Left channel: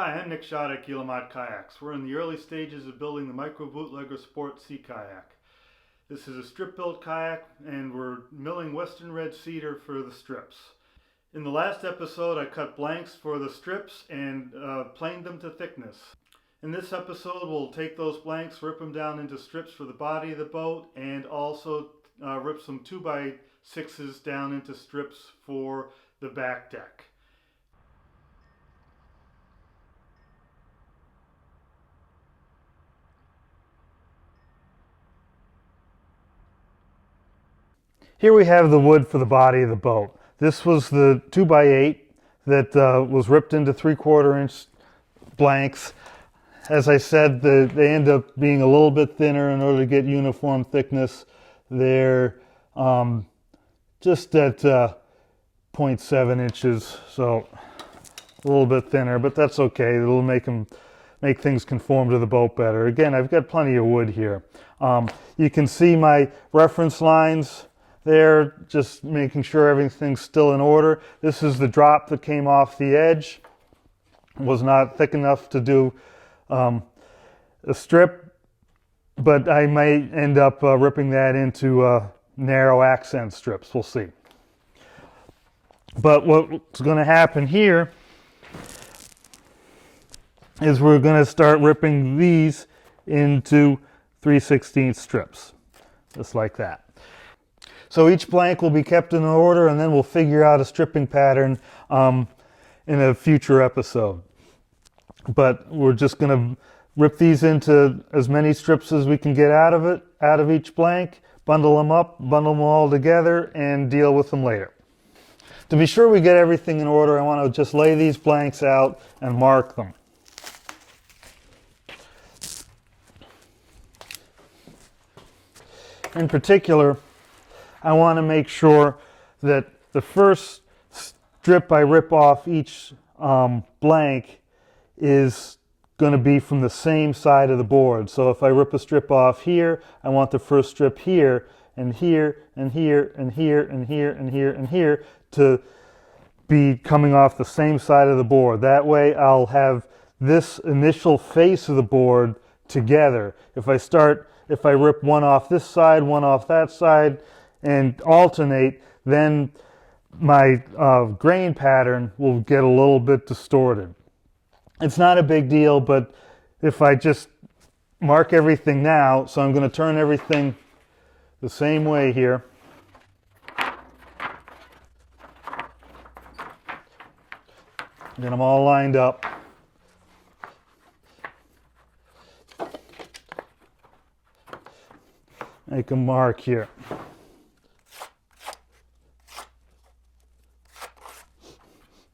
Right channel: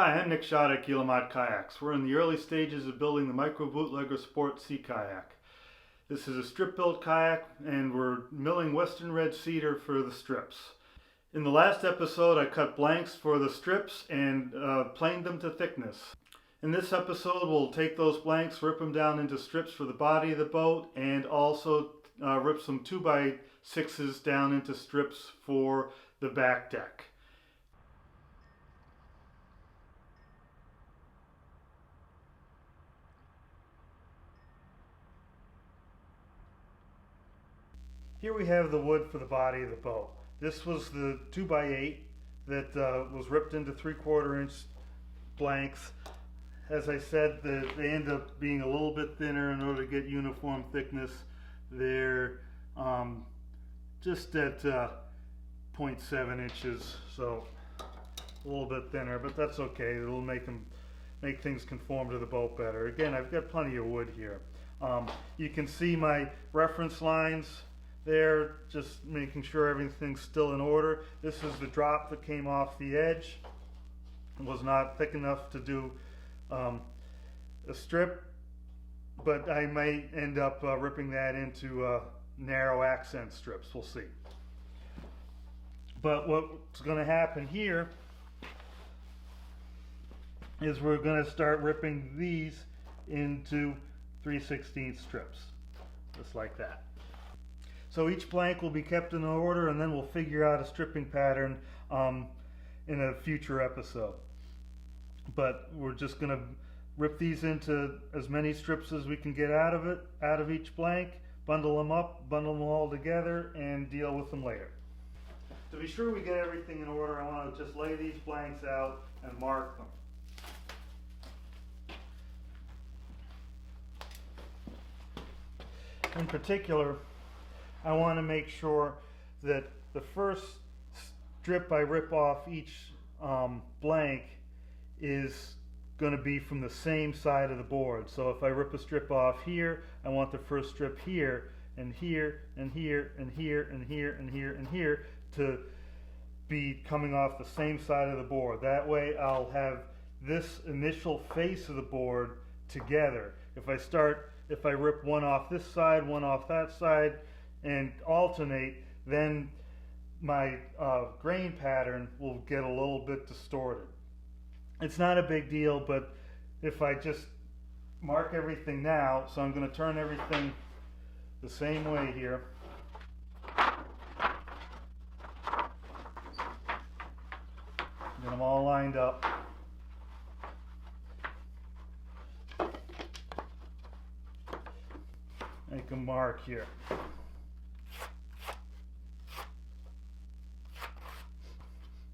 Hi, I'm Nick Schade at Cuillin Kayaks. We're in the early stages of building the microBootlegger Sport Sea Kayak. This is a strip-built kayak and we're milling western red cedar for the strips. In the last episode I cut blanks for the strips and planed them to thickness. In this episode we'll take those blanks, rip them down into strips for the body of the boat, and also rip some 2x6s down into strips for the back deck. Here we have the wood for the body of the boat. This was the 2x8 that was ripped into 3/4 inch blanks. As I said, they end up being a little bit thinner in order to get uniform thickness. They're just at 0.7 inches, so a little bit thinner, but that's okay. It'll make things conform to the boat better. Again, I've got plenty of wood here. You can see my reference lines there, just making sure everything's still in order. This is the drop that came off the edge. It was not thick enough to do a strip, but I might end up ripping that into narrow accent strips. We'll see. But what's going to happen here is we're going to start ripping these into 3/16 strips, just like that. So each blank will be kept in order, and then we'll figure out a stripping pattern in a future episode. But we're just going to rip these into as many strips as we can get out of each blank, bundle them up, bundle them all together, and deal with them later. To be sure we get everything in order, I want to just lay these blanks out and mark them. In particular, I want to make sure that the first strip I rip off each blank is going to be from the same side of the board. So if I rip a strip off here, I want the first strip here and here and here and here and here and here and here to be coming off the same side of the board. That way I'll have this initial face of the board together. If I rip one off this side, one off that side, and alternate, then my grain pattern will get a little bit distorted. It's not a big deal, but if I just mark everything now, so I'm going to turn everything the same way here. Get them all lined up. Make a mark here.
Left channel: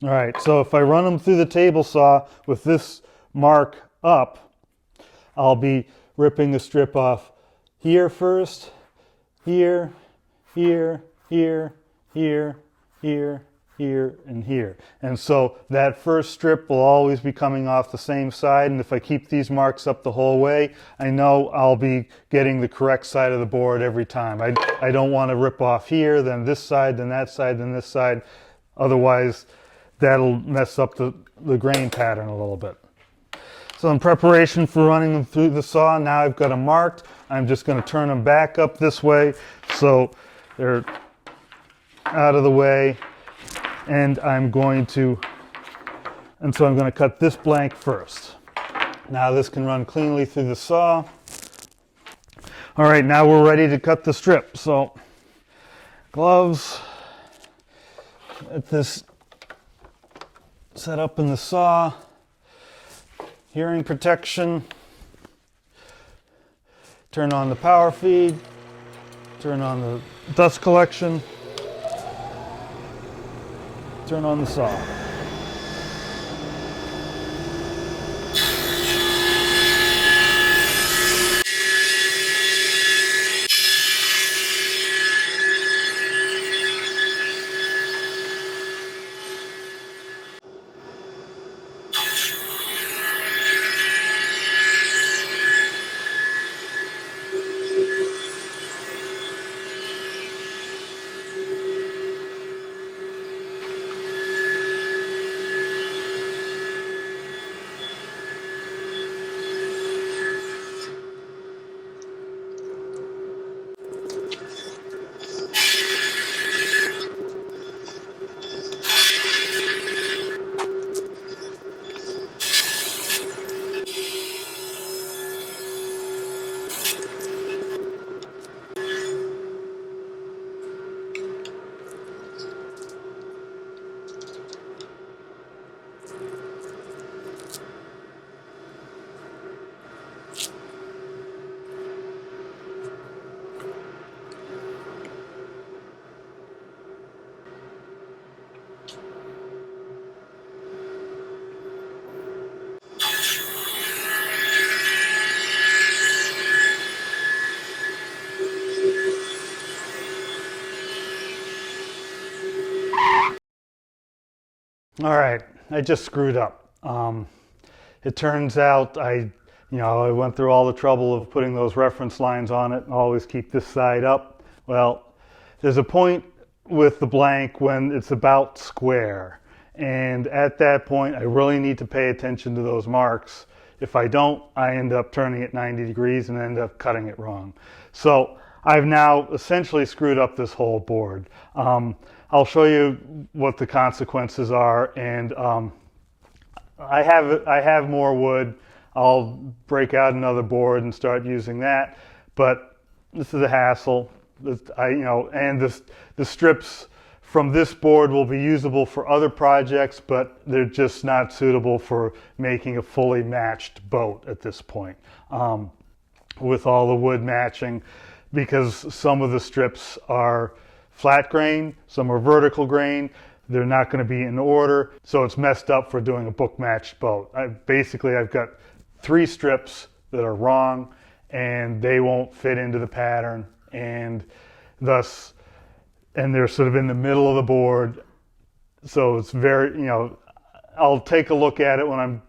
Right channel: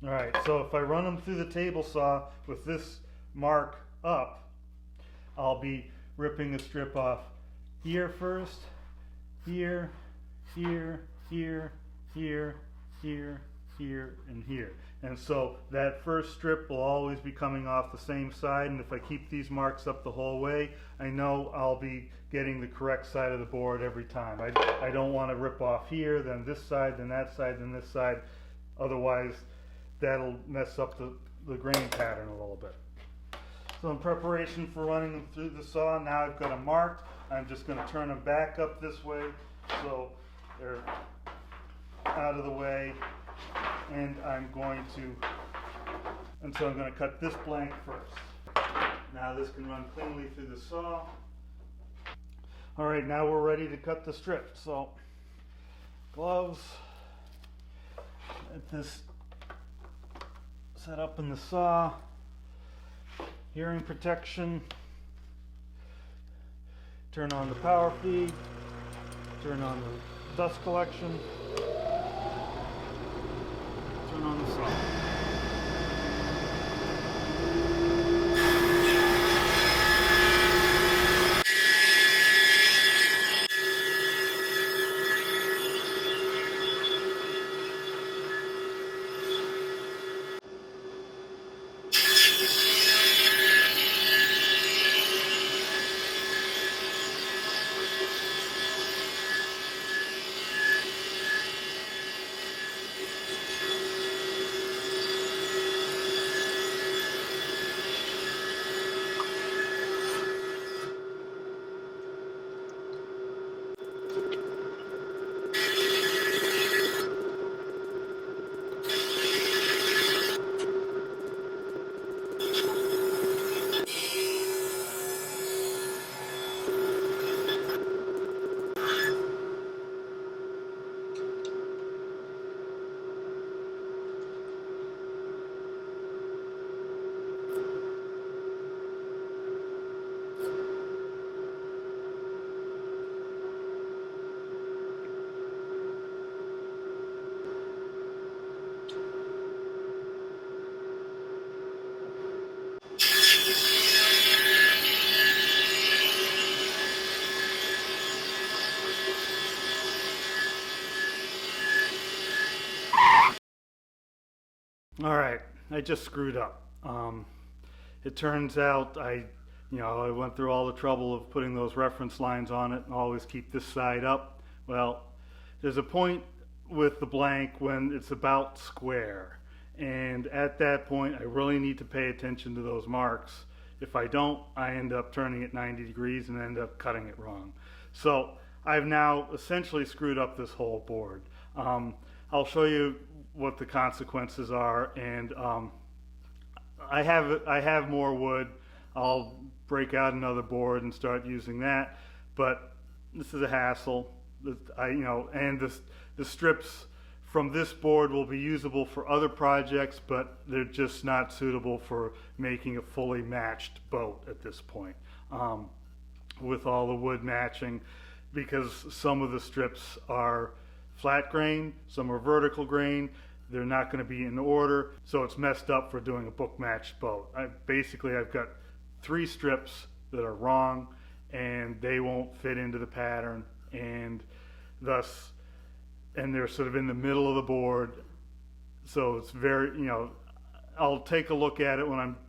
All right, so if I run them through the table saw with this mark up, I'll be ripping a strip off here first, here, here, here, here, here, here, and here. And so that first strip will always be coming off the same side, and if I keep these marks up the whole way, I know I'll be getting the correct side of the board every time. I don't want to rip off here, then this side, then that side, then this side. Otherwise, that'll mess up the grain pattern a little bit. So in preparation for running them through the saw, now I've got them marked. I'm just going to turn them back up this way so they're out of the way. And I'm going to cut this blank first. Now this can run cleanly through the saw. All right, now we're ready to cut the strip. So gloves, get this set up in the saw, hearing protection, turn on the power feed, turn on the dust collection, turn on the saw. All right, I just screwed up. It turns out I went through all the trouble of putting those reference lines on it and always keep this side up. Well, there's a point with the blank when it's about square. And at that point, I really need to pay attention to those marks. If I don't, I end up turning it 90 degrees and end up cutting it wrong. So I've now essentially screwed up this whole board. I'll show you what the consequences are, and I have more wood. I'll break out another board and start using that, but this is a hassle. And the strips from this board will be usable for other projects, but they're just not suitable for making a fully matched boat at this point, with all the wood matching, because some of the strips are flat grain, some are vertical grain. They're not going to be in order, so it's messed up for doing a book matched boat. I've got 3 strips that are wrong, and they won't fit into the pattern, and they're sort of in the middle of the board. So it's very, I'll take a look at it when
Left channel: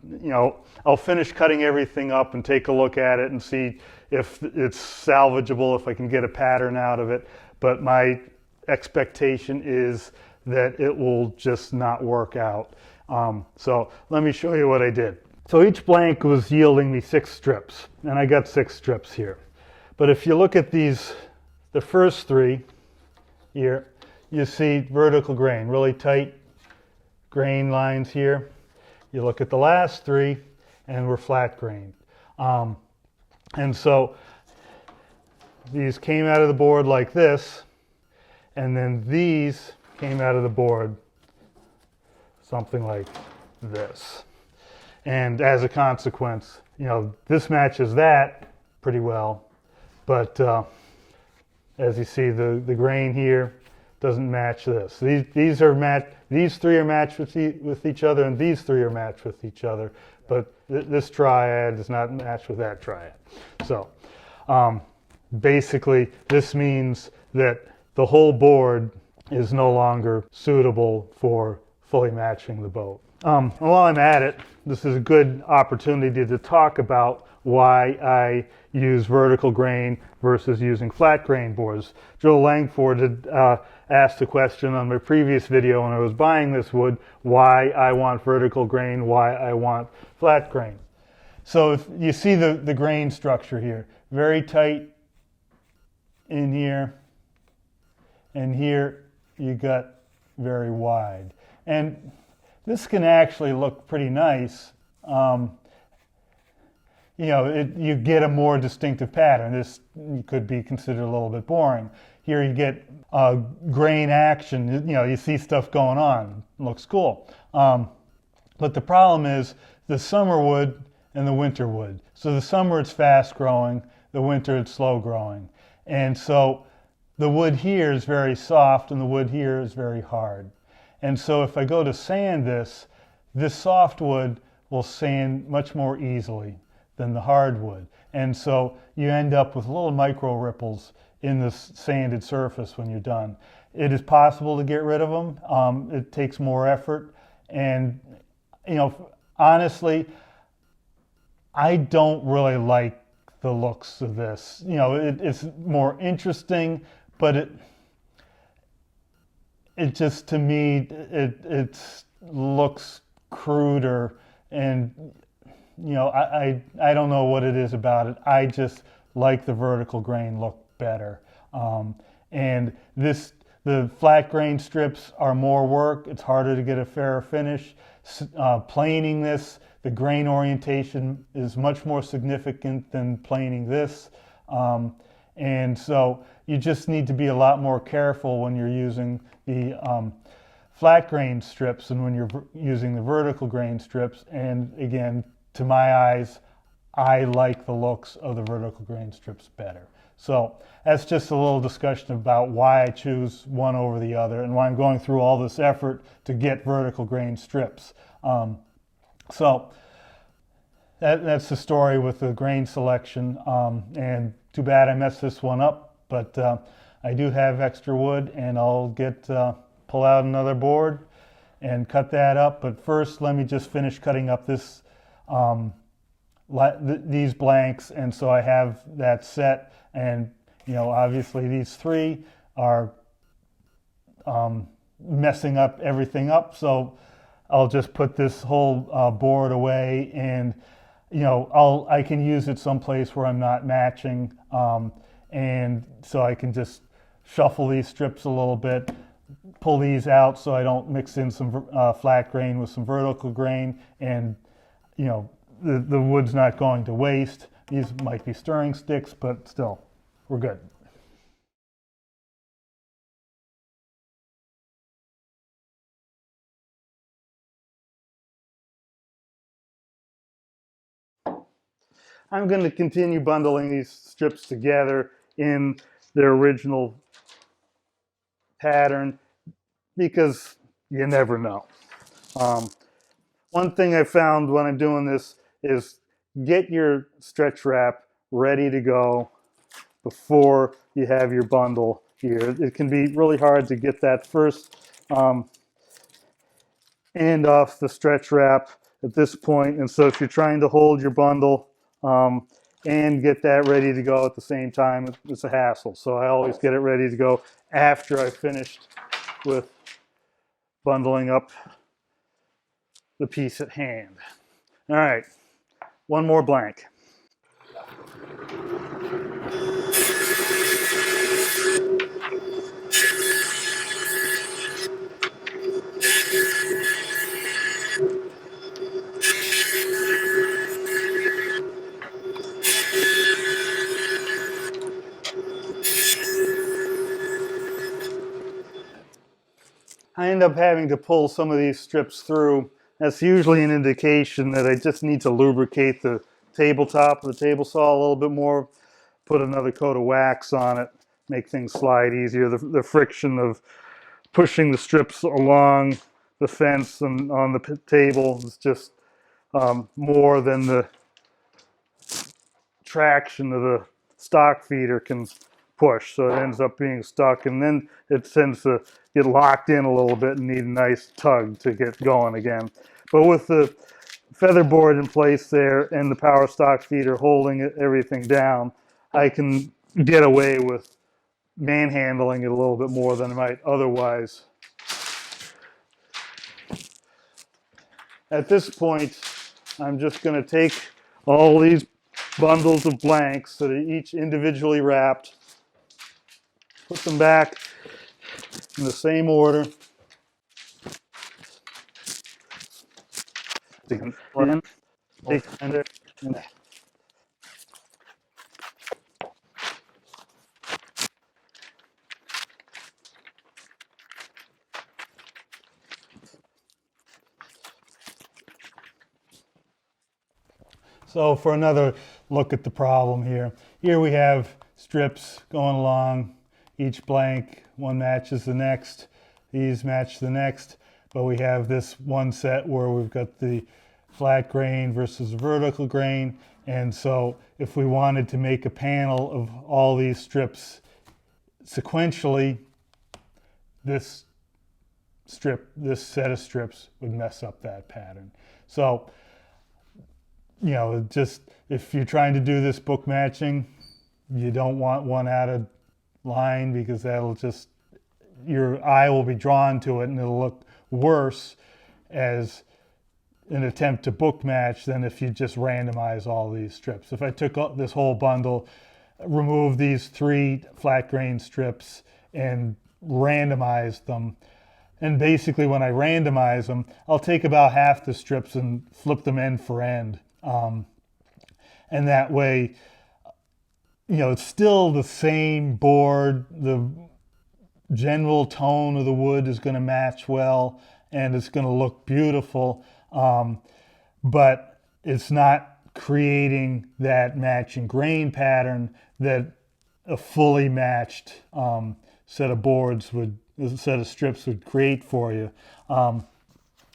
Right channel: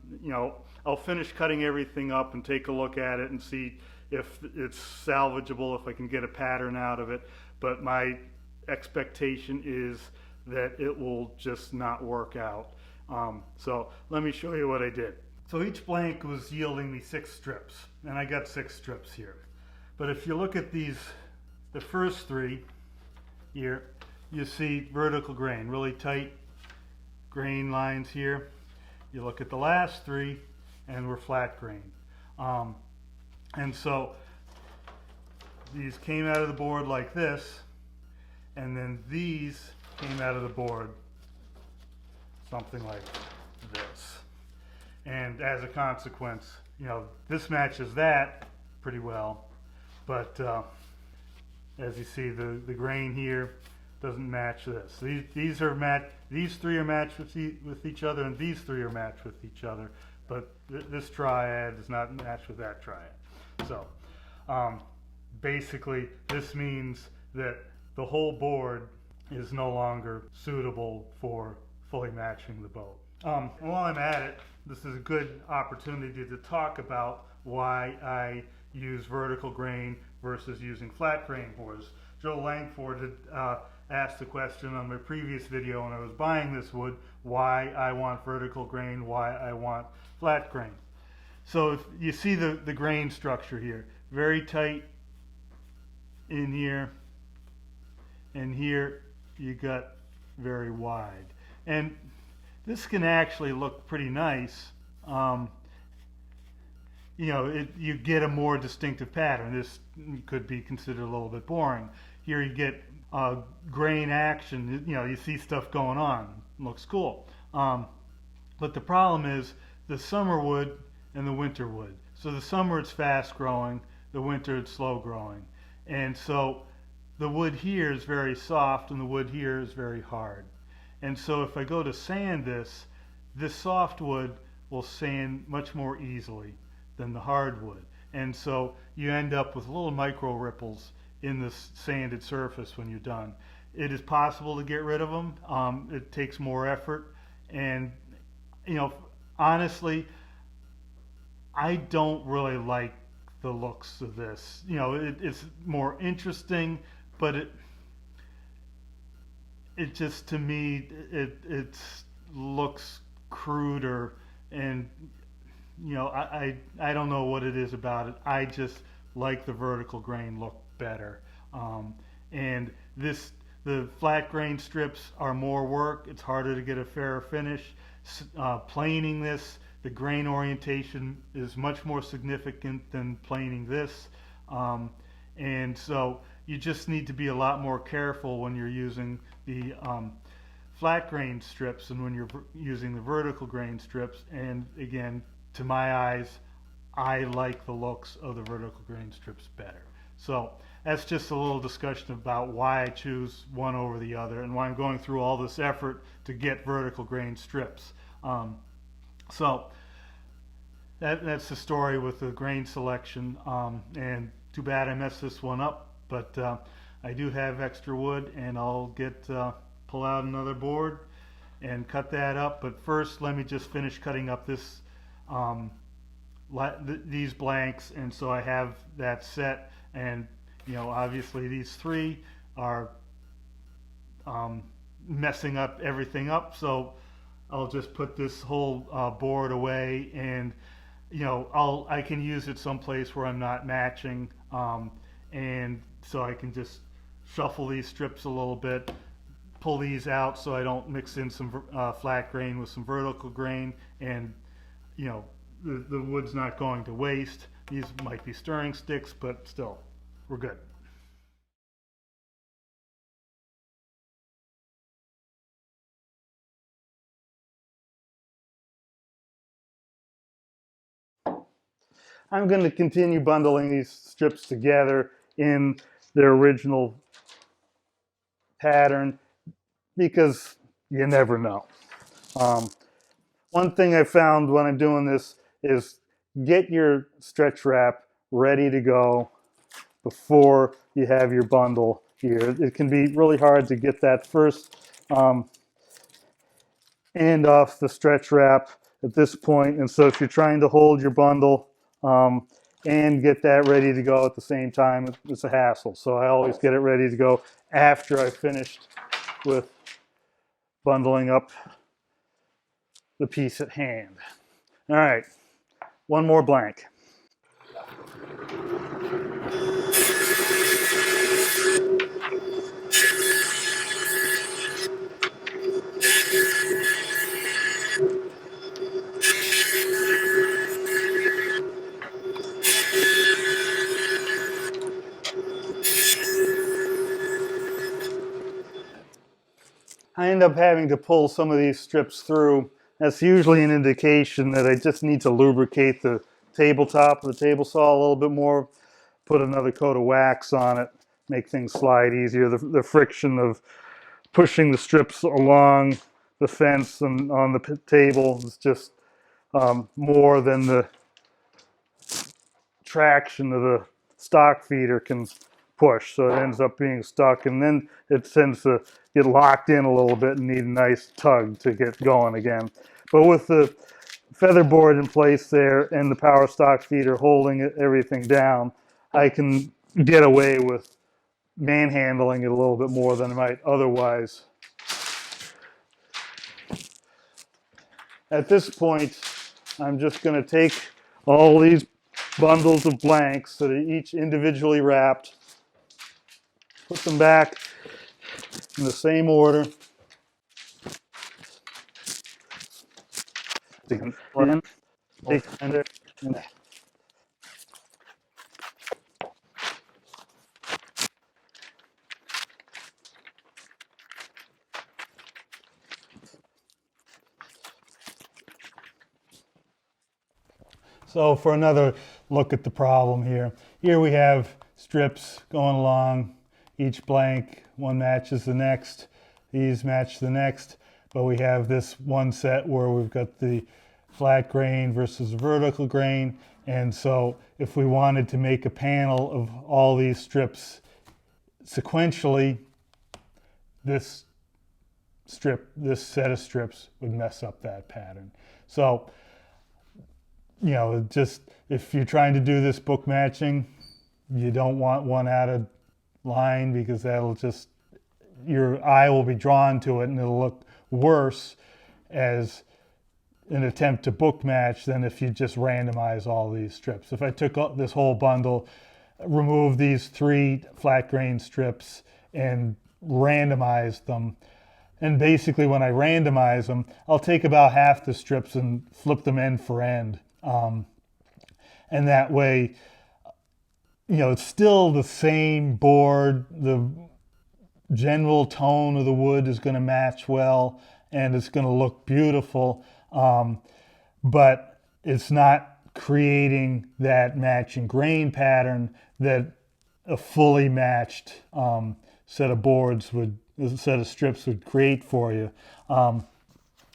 I'll finish cutting everything up and take a look at it and see if it's salvageable, if I can get a pattern out of it. But my expectation is that it will just not work out. So let me show you what I did. So each blank was yielding me 6 strips, and I got 6 strips here. But if you look at these, the first 3 here, you see vertical grain, really tight grain lines here. You look at the last 3, and we're flat grain. And so these came out of the board like this, and then these came out of the board something like this. And as a consequence, this matches that pretty well, but as you see, the grain here doesn't match this. These 3 are matched with each other, and these 3 are matched with each other, but this triad is not matched with that triad. So basically, this means that the whole board is no longer suitable for fully matching the boat. While I'm at it, this is a good opportunity to talk about why I use vertical grain versus using flat grain boards. Joe Langford had asked a question on my previous video when I was buying this wood, why I want vertical grain, why I want flat grain. So if you see the grain structure here, very tight in here, and here you got very wide. And this can actually look pretty nice. You get a more distinctive pattern. This could be considered a little bit boring. Here you get grain action. You see stuff going on. It looks cool. But the problem is the summer wood and the winter wood. So the summer it's fast growing, the winter it's slow growing. And so the wood here is very soft and the wood here is very hard. And so if I go to sand this soft wood will sand much more easily than the hardwood. And so you end up with little micro ripples in the sanded surface when you're done. It is possible to get rid of them. It takes more effort. And, honestly, I don't really like the looks of this. It's more interesting, but it just, to me, it looks cruder, and I don't know what it is about it. I just like the vertical grain look better. And the flat grain strips are more work. It's harder to get a fairer finish. Planing this, the grain orientation is much more significant than planing this. And so you just need to be a lot more careful when you're using the flat grain strips and when you're using the vertical grain strips. And again, to my eyes, I like the looks of the vertical grain strips better. So that's just a little discussion about why I choose one over the other and why I'm going through all this effort to get vertical grain strips. So that's the story with the grain selection, and too bad I messed this one up, but I do have extra wood, and I'll pull out another board and cut that up. But first, let me just finish cutting up this these blanks, and so I have that set. And obviously these three are messing up everything up, so I'll just put this whole board away, and I can use it someplace where I'm not matching, and so I can just shuffle these strips a little bit, pull these out so I don't mix in some flat grain with some vertical grain, and the wood's not going to waste. These might be stirring sticks, but still, we're good. I'm going to continue bundling these strips together in their original pattern because you never know. One thing I found when I'm doing this is get your stretch wrap ready to go before you have your bundle here. It can be really hard to get that first end off the stretch wrap at this point, and so if you're trying to hold your bundle and get that ready to go at the same time, it's a hassle. So I always get it ready to go after I've finished with bundling up the piece at hand. All right, one more blank. I end up having to pull some of these strips through. That's usually an indication that I just need to lubricate the tabletop of the table saw a little bit more, put another coat of wax on it, make things slide easier. The friction of pushing the strips along the fence and on the table is just more than the traction of the stock feeder can push, so it ends up being stuck, and then it tends to get locked in a little bit and need a nice tug to get going again. But with the feather board in place there and the power stock feeder holding everything down, I can get away with manhandling it a little bit more than I might otherwise. At this point, I'm just going to take all these bundles of blanks that are each individually wrapped, put them back in the same order. So for another look at the problem here, we have strips going along, each blank, one matches the next, these match the next, but we have this one set where we've got the flat grain versus vertical grain, and so if we wanted to make a panel of all these strips sequentially, this set of strips would mess up that pattern. So just if you're trying to do this book matching, you don't want one out of line because that'll just, your eye will be drawn to it and it'll look worse as an attempt to book match than if you just randomize all these strips. If I took this whole bundle, removed these 3 flat grain strips and randomized them, and basically when I randomize them, I'll take about half the strips and flip them end for end. And that way, it's still the same board. The general tone of the wood is going to match well, and it's going to look beautiful. But it's not creating that matching grain pattern that a fully matched set of strips would create for you. And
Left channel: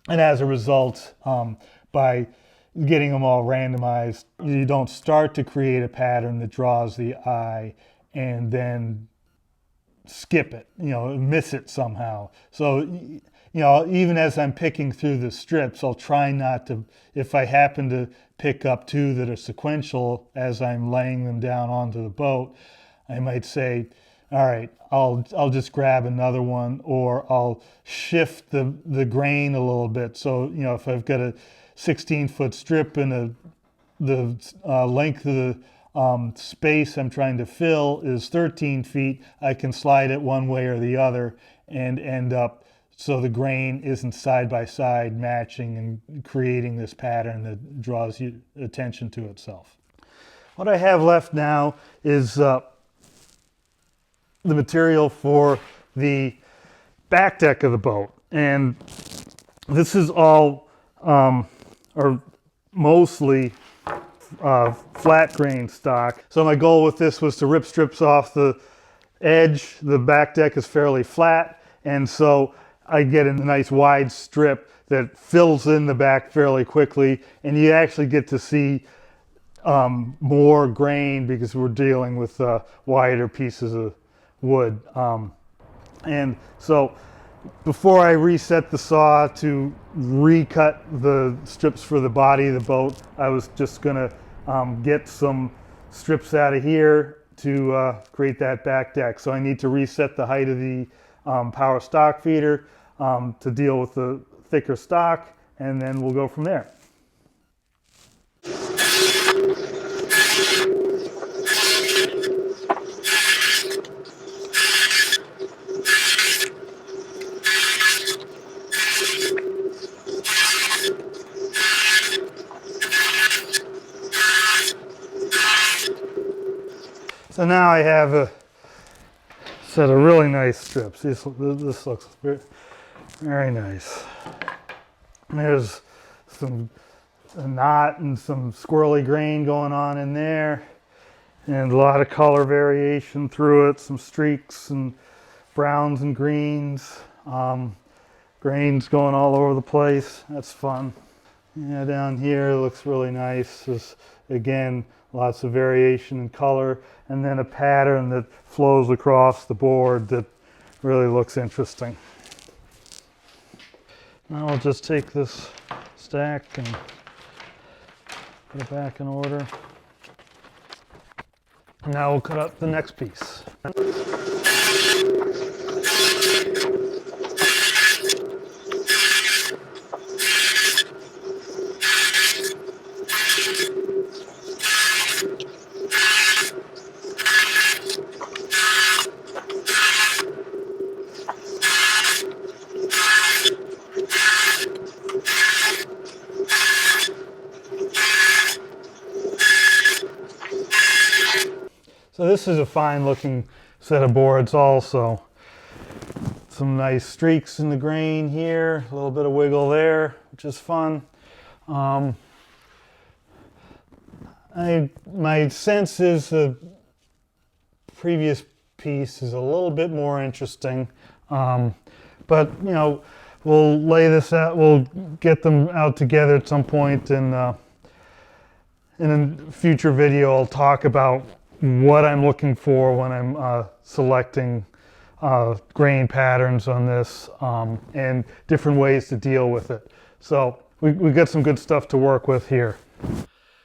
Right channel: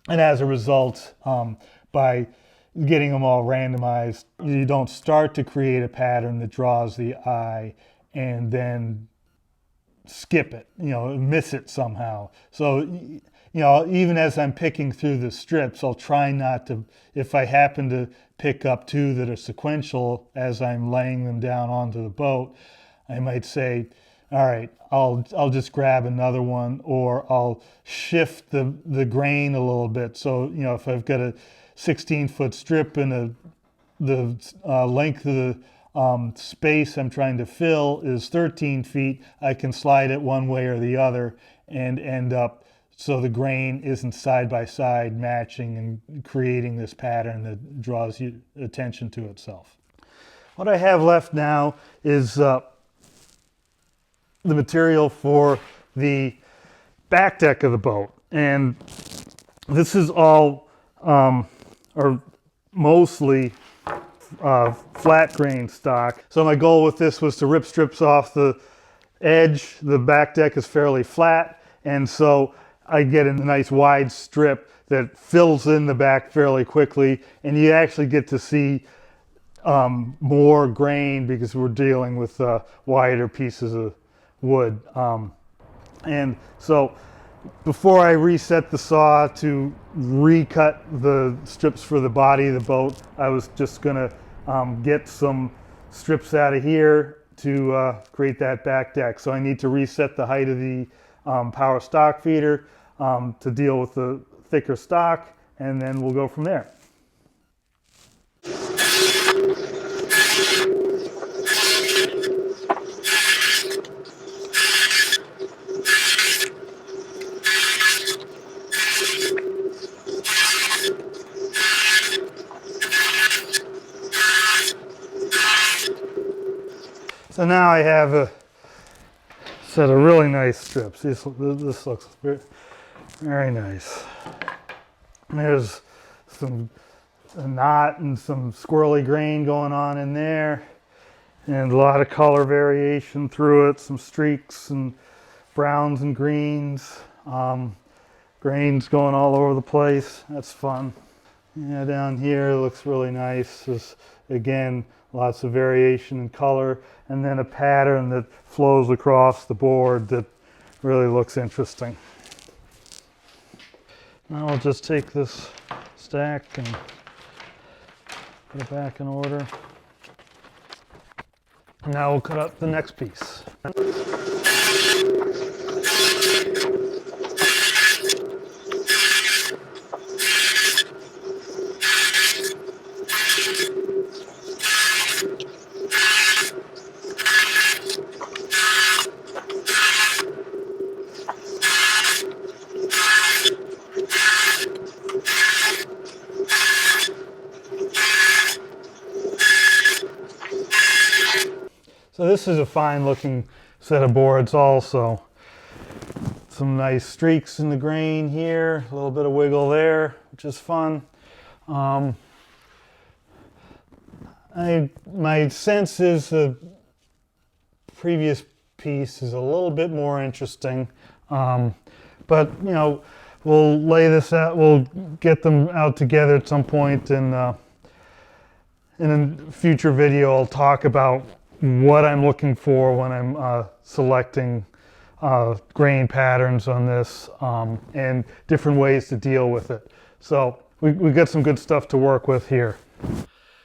as a result, by getting them all randomized, you don't start to create a pattern that draws the eye and then skip it, miss it somehow. So you know, even as I'm picking through the strips, I'll try not to, if I happen to pick up two that are sequential as I'm laying them down onto the boat, I might say, all right, I'll just grab another one, or I'll shift the grain a little bit. So, you know, if I've got a 16-foot strip and the length of the space I'm trying to fill is 13 feet, I can slide it one way or the other and end up so the grain isn't side by side matching and creating this pattern that draws you attention to itself. What I have left now is the material for the back deck of the boat, and this is all or mostly flat grain stock. So my goal with this was to rip strips off the edge. The back deck is fairly flat, and so I get a nice wide strip that fills in the back fairly quickly, and you actually get to see more grain because we're dealing with wider pieces of wood. And so before I reset the saw to recut the strips for the body of the boat, I was just gonna get some strips out of here to create that back deck. So I need to reset the height of the power stock feeder to deal with the thicker stock, and then we'll go from there. So now I have a set of really nice strips. This looks very, very nice. There's a knot and some squirrely grain going on in there, and a lot of color variation through it, some streaks and browns and greens, grains going all over the place. That's fun. Yeah, down here it looks really nice. There's, again, lots of variation in color, and then a pattern that flows across the board that really looks interesting. Now I'll just take this stack and put it back in order. Now we'll cut up the next piece. So this is a fine looking set of boards also. Some nice streaks in the grain here, a little bit of wiggle there, which is fun. My sense is the previous piece is a little bit more interesting, but you know, we'll lay this out, we'll get them out together at some point, and in a future video I'll talk about what I'm looking for when I'm selecting grain patterns on this, and different ways to deal with it. So we got some good stuff to work with here.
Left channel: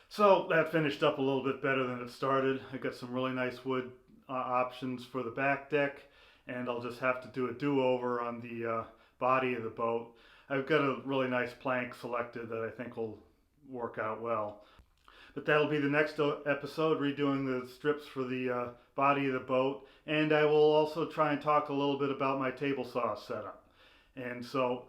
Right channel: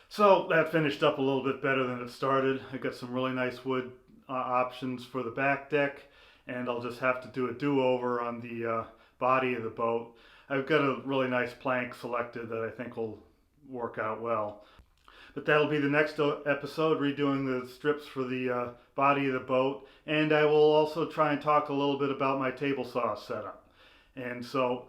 So that finished up a little bit better than it started. I got some really nice wood options for the back deck, and I'll just have to do a do-over on the body of the boat. I've got a really nice plank selected that I think will work out well. But that'll be the next episode, redoing the strips for the body of the boat. And I will also try and talk a little bit about my table saw setup. And so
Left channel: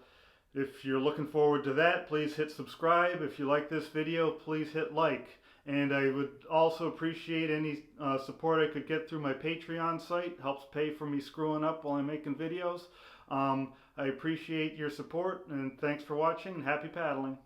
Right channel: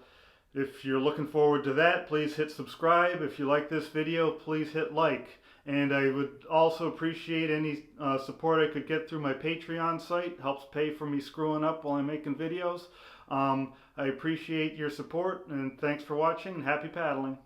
if you're looking forward to that, please hit subscribe. If you like this video, please hit like. And I would also appreciate any support I could get through my Patreon site. It helps pay for me screwing up while I'm making videos. I appreciate your support, and thanks for watching, and happy paddling.